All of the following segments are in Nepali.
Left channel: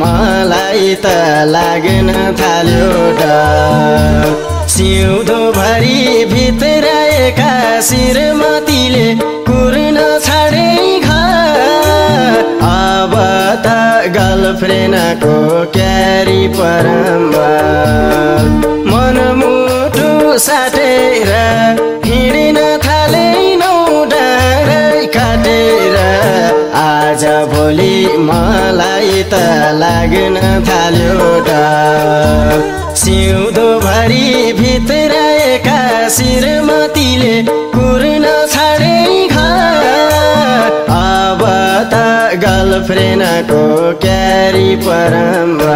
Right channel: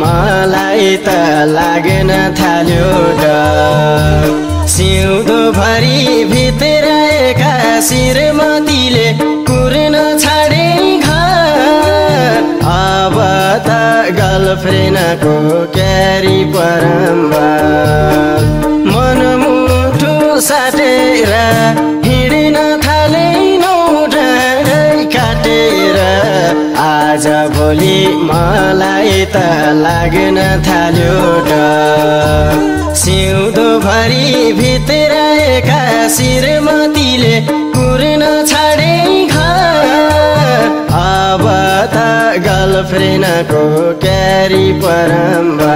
मलाई त लाग्न थाल्यो डर सिउँदोभरि भित्राएका श्रीमतीले पुर्न छाडे घर अब त गर्लफ्रेन्डको क्यारी परम्बा मनमुटु साटेर हिँड्न थालेनौ डाँडै काटेर आज भोलि मलाई त लाग्न थाल्यो डर सिउँदोभरि भित्राएका श्रीमतीले पुर्न छाडे घर अब त गर्लफ्रेन्डको क्यारी परम्बा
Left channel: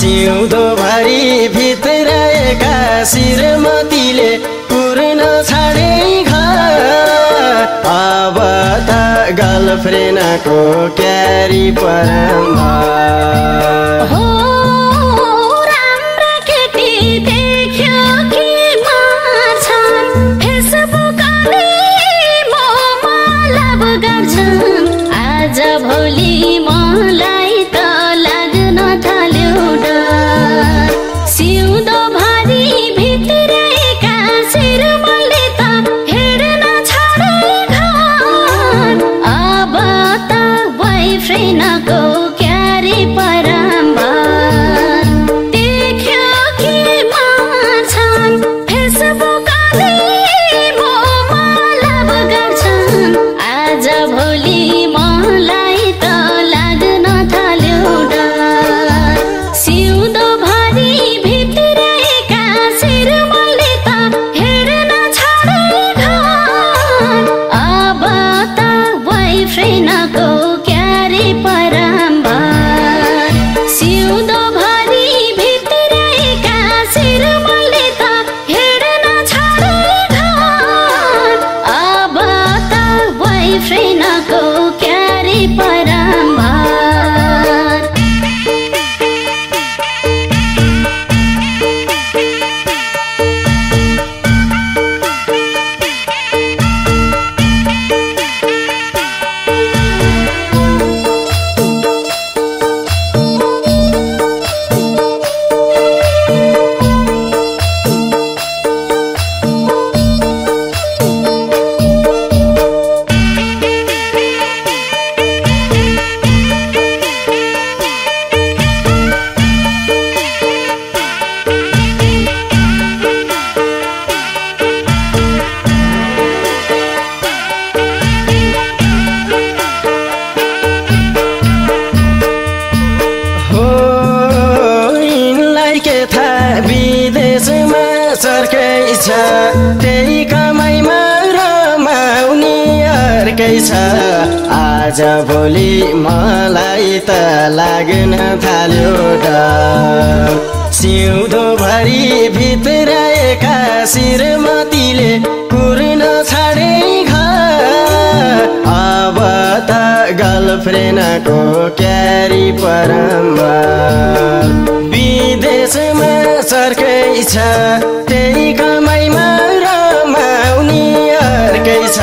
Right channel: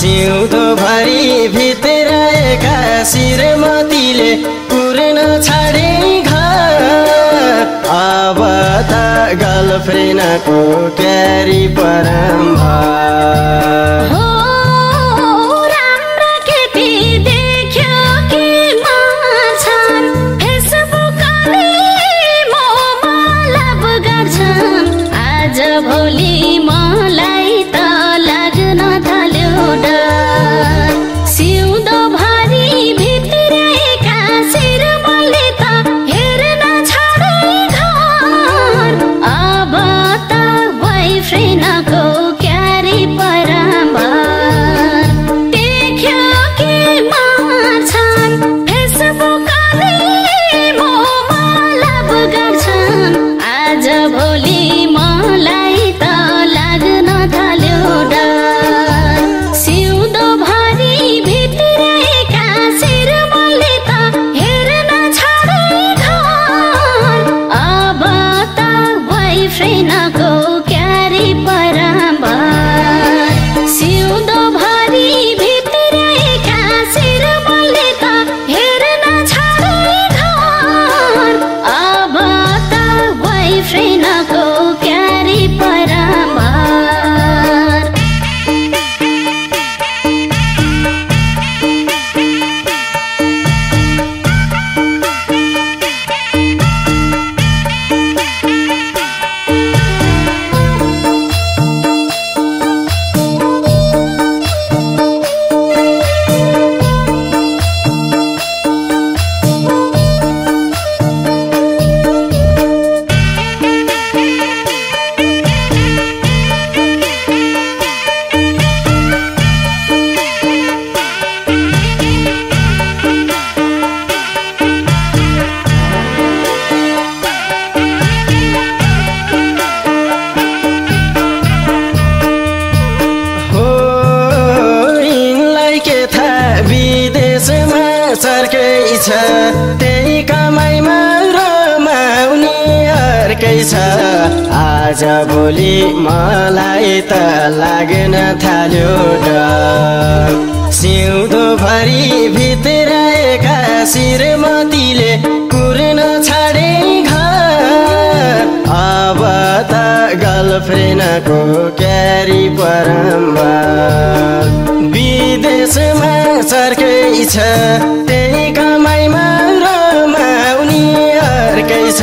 सिउँदोभरि भित्राएका श्रीमतीले पुर्न छाडे घर अब त गर्लफ्रेन्डको क्यारी परम्बा भोलि मलाई त लाग्न थाल्यो डर सिउँदोभरि भित्राएका श्रीमतीले त हेर्न छाडे घर अब त बोयफ्रेन्डको क्यारी परम्बा देख्यो कि माछन् फेसबुकले मोमलभ गर्छन् आज भोलि मलाई त लाग्न थाल्यो डर सिउँदोभरि भित्राएका श्रीमतीले त हेर्न छाडे घर अब त बोयफ्रेन्डको क्यारी परम्बा सिउँदोभरि भित्राएका श्रीमतीले त हेर्न छाडे घर अब त बोयफ्रेन्डको क्यारी परम्बा विदेशमा सर्कै छ त्यही कमाइमा रमाउने अर्कै छ आज भोलि मलाई त लाग्न थाल्यो डर सिउँदोभरि भित्राएका श्रीमतीले पुर्न छाडे घर अब त गर्लफ्रेन्डको क्यारी परम्बा विदेशमा सर्कै छ त्यही कमाइमा रमाउने अर्कै छ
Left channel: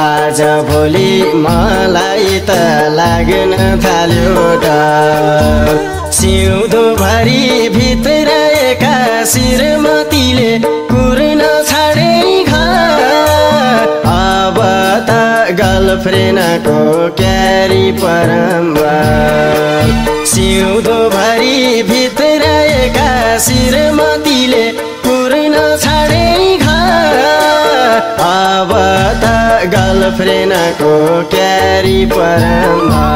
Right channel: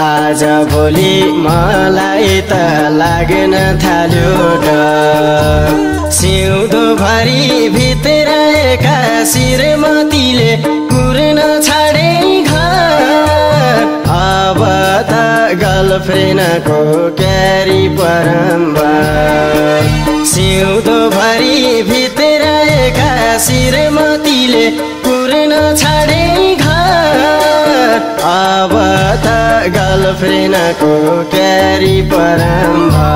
आज भोलि मलाई त लाग्न थाल्यो डर सिउँदोभरि भित्राएका श्रीमतीले पुर्न छाडे घर अब त गर्लफ्रेन्डको क्यारी परम्बा सिउँदोभरि भित्राएका श्रीमतीले पुर्न छाडे घर अब त गर्लफ्रेन्डको क्यारी परम्बा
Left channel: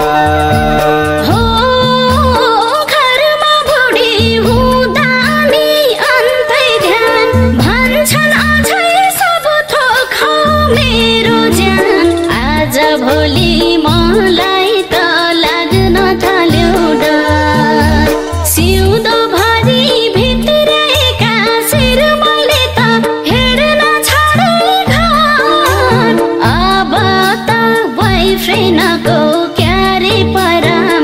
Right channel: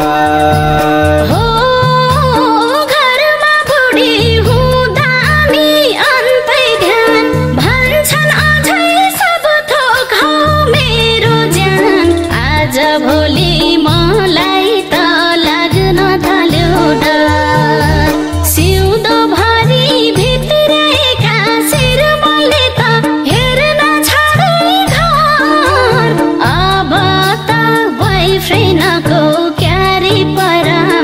भोलि मलाई त लाग्न थाल्यो डर सिउँदोभरि भित्राएका श्रीमतीले त हेर्न छाडे घर अब त बोयफ्रेन्डको क्यारी परम्बा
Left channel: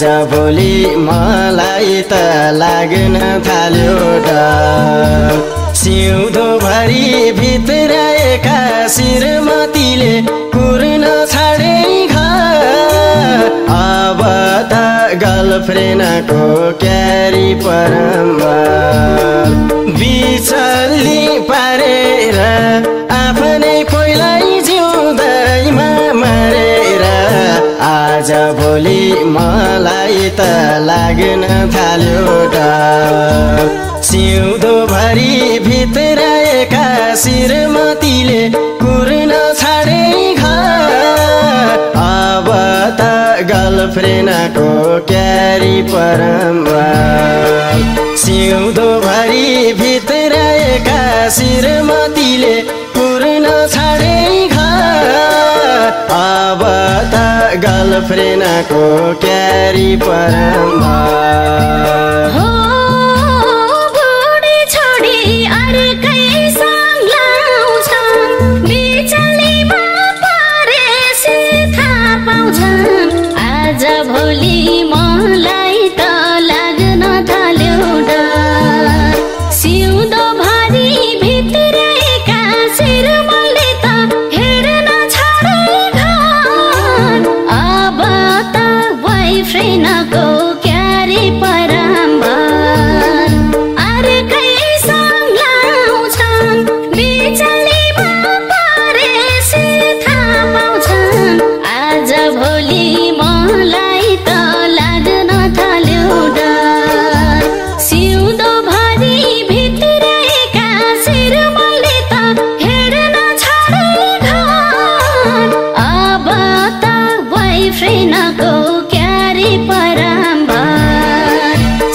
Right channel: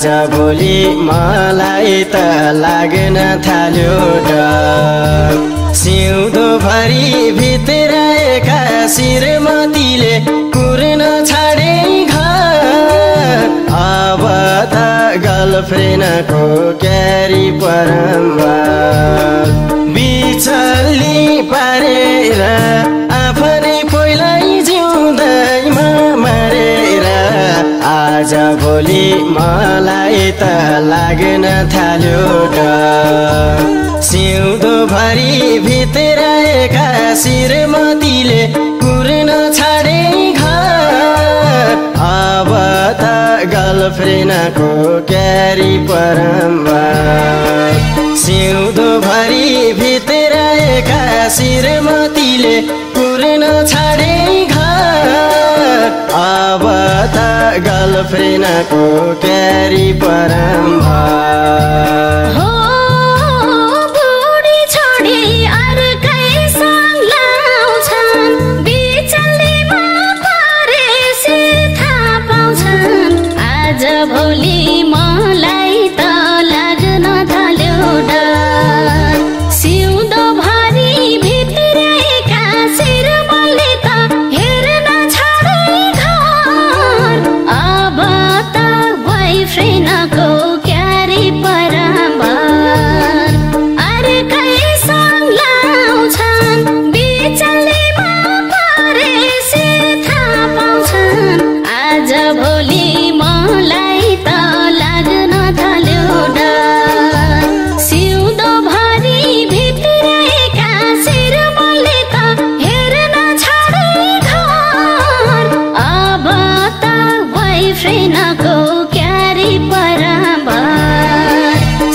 आज भोलि मलाई त लाग्न थाल्यो डर सिउँदोभरि भित्राएका श्रीमतीले कुर्न छाडे घर अब त गर्लफ्रेन्डको क्यारी परम्बर बिचल्ली पारेर आफ्नै कोइलाई जिउँदैमा मरेर आज भोलि मलाई त लाग्न थाल्यो डर सिउँदोभरि भित्राएका श्रीमतीले कुर्न छाडे घर अब त गर्लफ्रेन्डको क्यारी परम्बर सिउँदोभरि भित्राएका श्रीमतीले कुर्न छाडे घर अब त गर्लफ्रेन्डको क्यारी परम्बर आज भोलि मलाई त लाग्न थाल्यो डर सिउँदोभरि भित्राएका श्रीमतीले त हेर्न छाडे घर अब त बोयफ्रेन्डको क्यारी परम्बर अर्कैसँग लाउँछन् बिचलीमा परेपछि थाहा पाउँछन् आज भोलि मलाई त लाग्न थाल्यो डर सिउँदोभरि भित्राएका श्रीमतीले त हेर्न छाडे घर अब त बोयफ्रेन्डको क्यारी परम्बर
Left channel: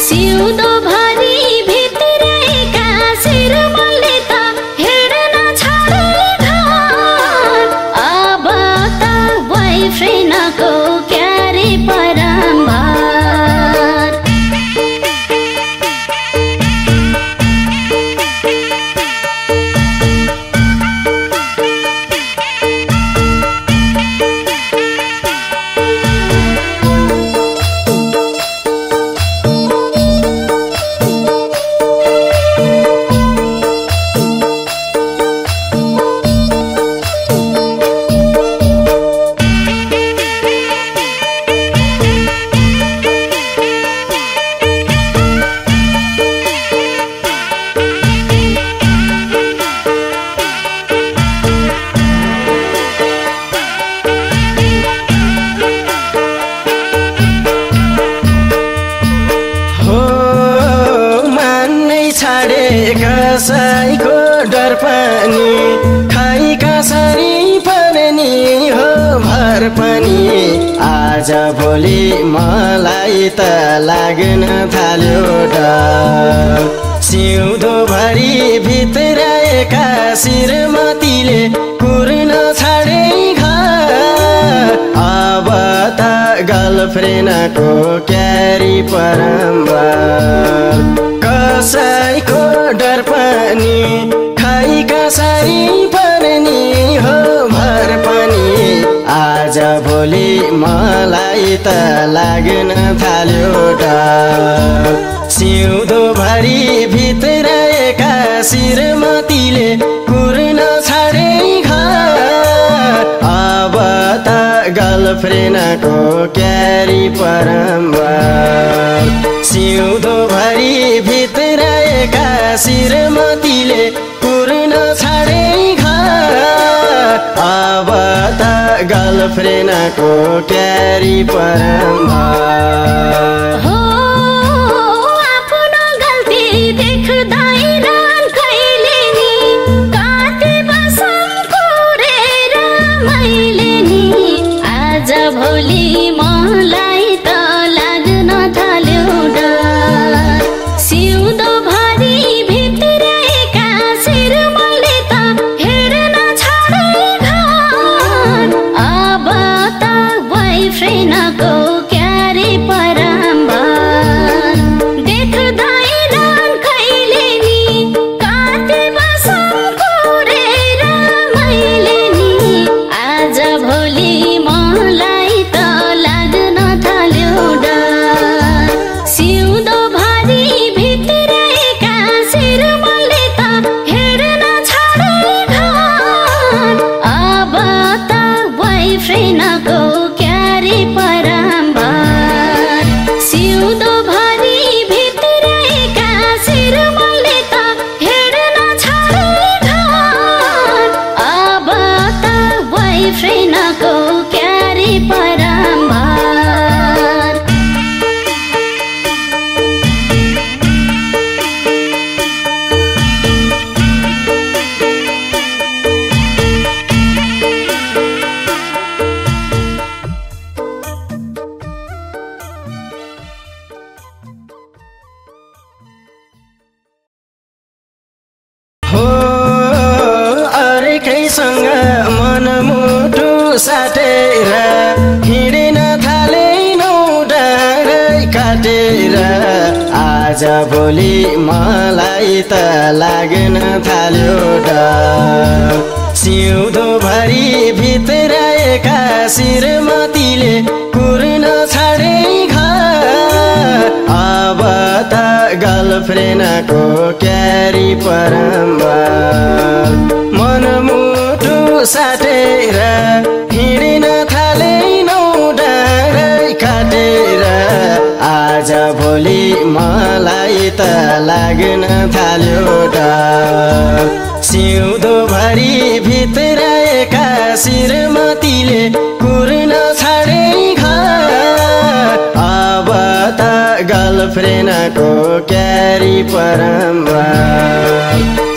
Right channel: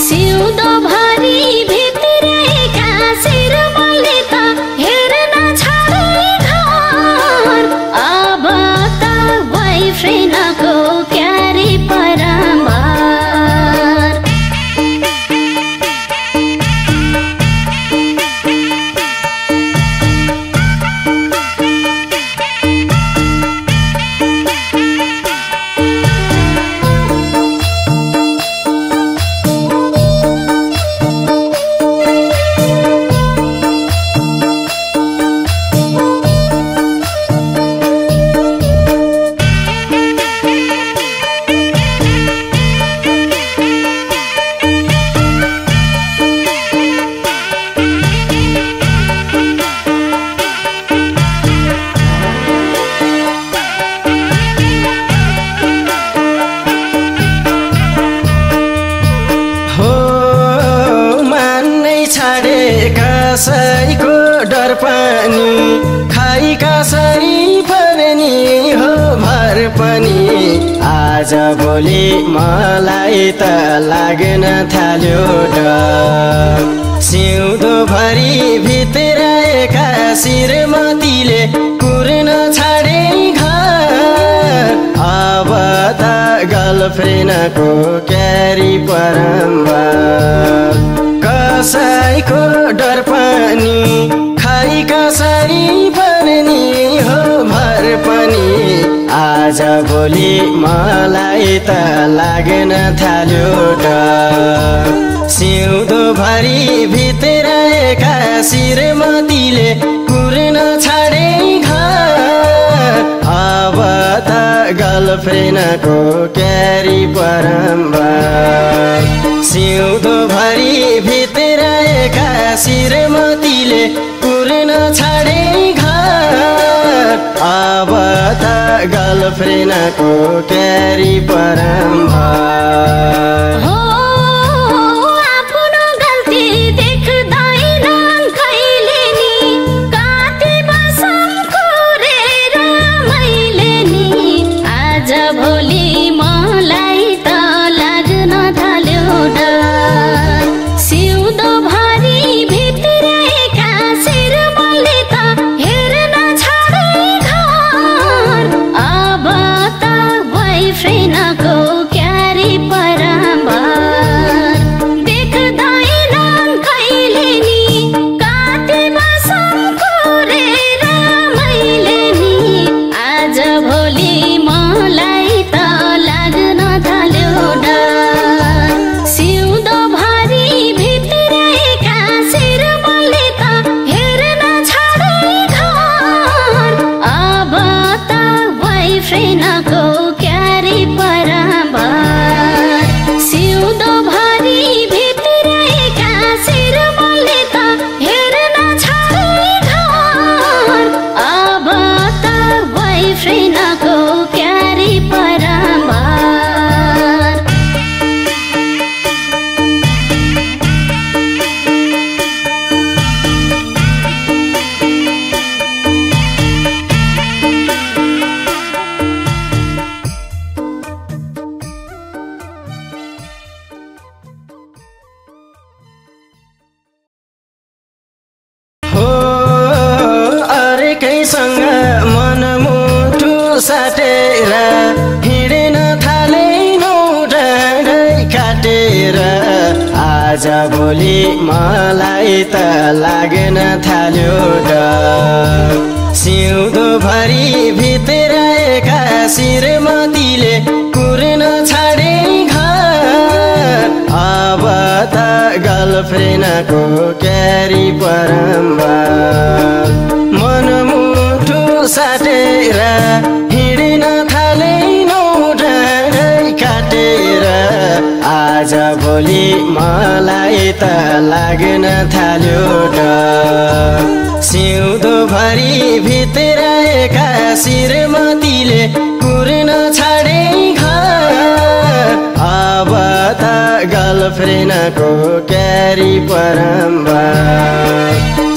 सिउँदोभरि भित्राएका श्रीमतीले त हेर्न छाडे घर अब त बोयफ्रेन्डको क्यारी परम्बर कसैको डर पनि खाइ कसरी पर्ने हो भर पनि आज भोलि मलाई त लाग्न थाल्यो डर सिउँदोभरि भित्राएका श्रीमतीले कुर्न छाडे घर अब त गर्लफ्रेन्डको क्यारी परम्बर कसैको डर पनि खाइ कसरी पर्ने हो भर पनि आज भोलि मलाई त लाग्न थाल्यो डर सिउँदोभरि भित्राएका श्रीमतीले कुर्न छाडे घर अब त गर्लफ्रेन्डको क्यारी परम्बर सिउँदोभरि भित्राएका श्रीमतीले कुर्न छाडे घर अब त गर्लफ्रेन्डको क्यारी परम्बर बोयफ्रेन्डको काटेर आज भोलि मलाई त लाग्न थाल्यो डर सिउँदोभरि भित्राएका श्रीमतीले पुर्न छाडे अब त गर्लफ्रेन्डको क्यारी परम्बर मनमुटु साटेर हिँड्न थालेनौ डाँडै काटेर आज भोलि मलाई त लाग्न थाल्यो डर सिउँदोभरि भित्राएका श्रीमतीले पुर्न छाडे अब त गर्लफ्रेन्डको क्यारी परम्बर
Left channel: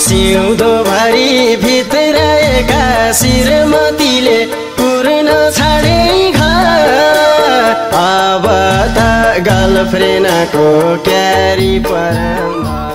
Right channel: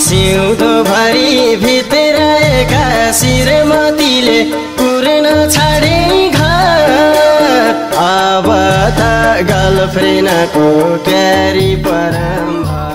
सिउँदोभरि भित्राएका श्रीमतीले पुर्न छाडे अब त गर्लफ्रेन्डको क्यारी परम्बर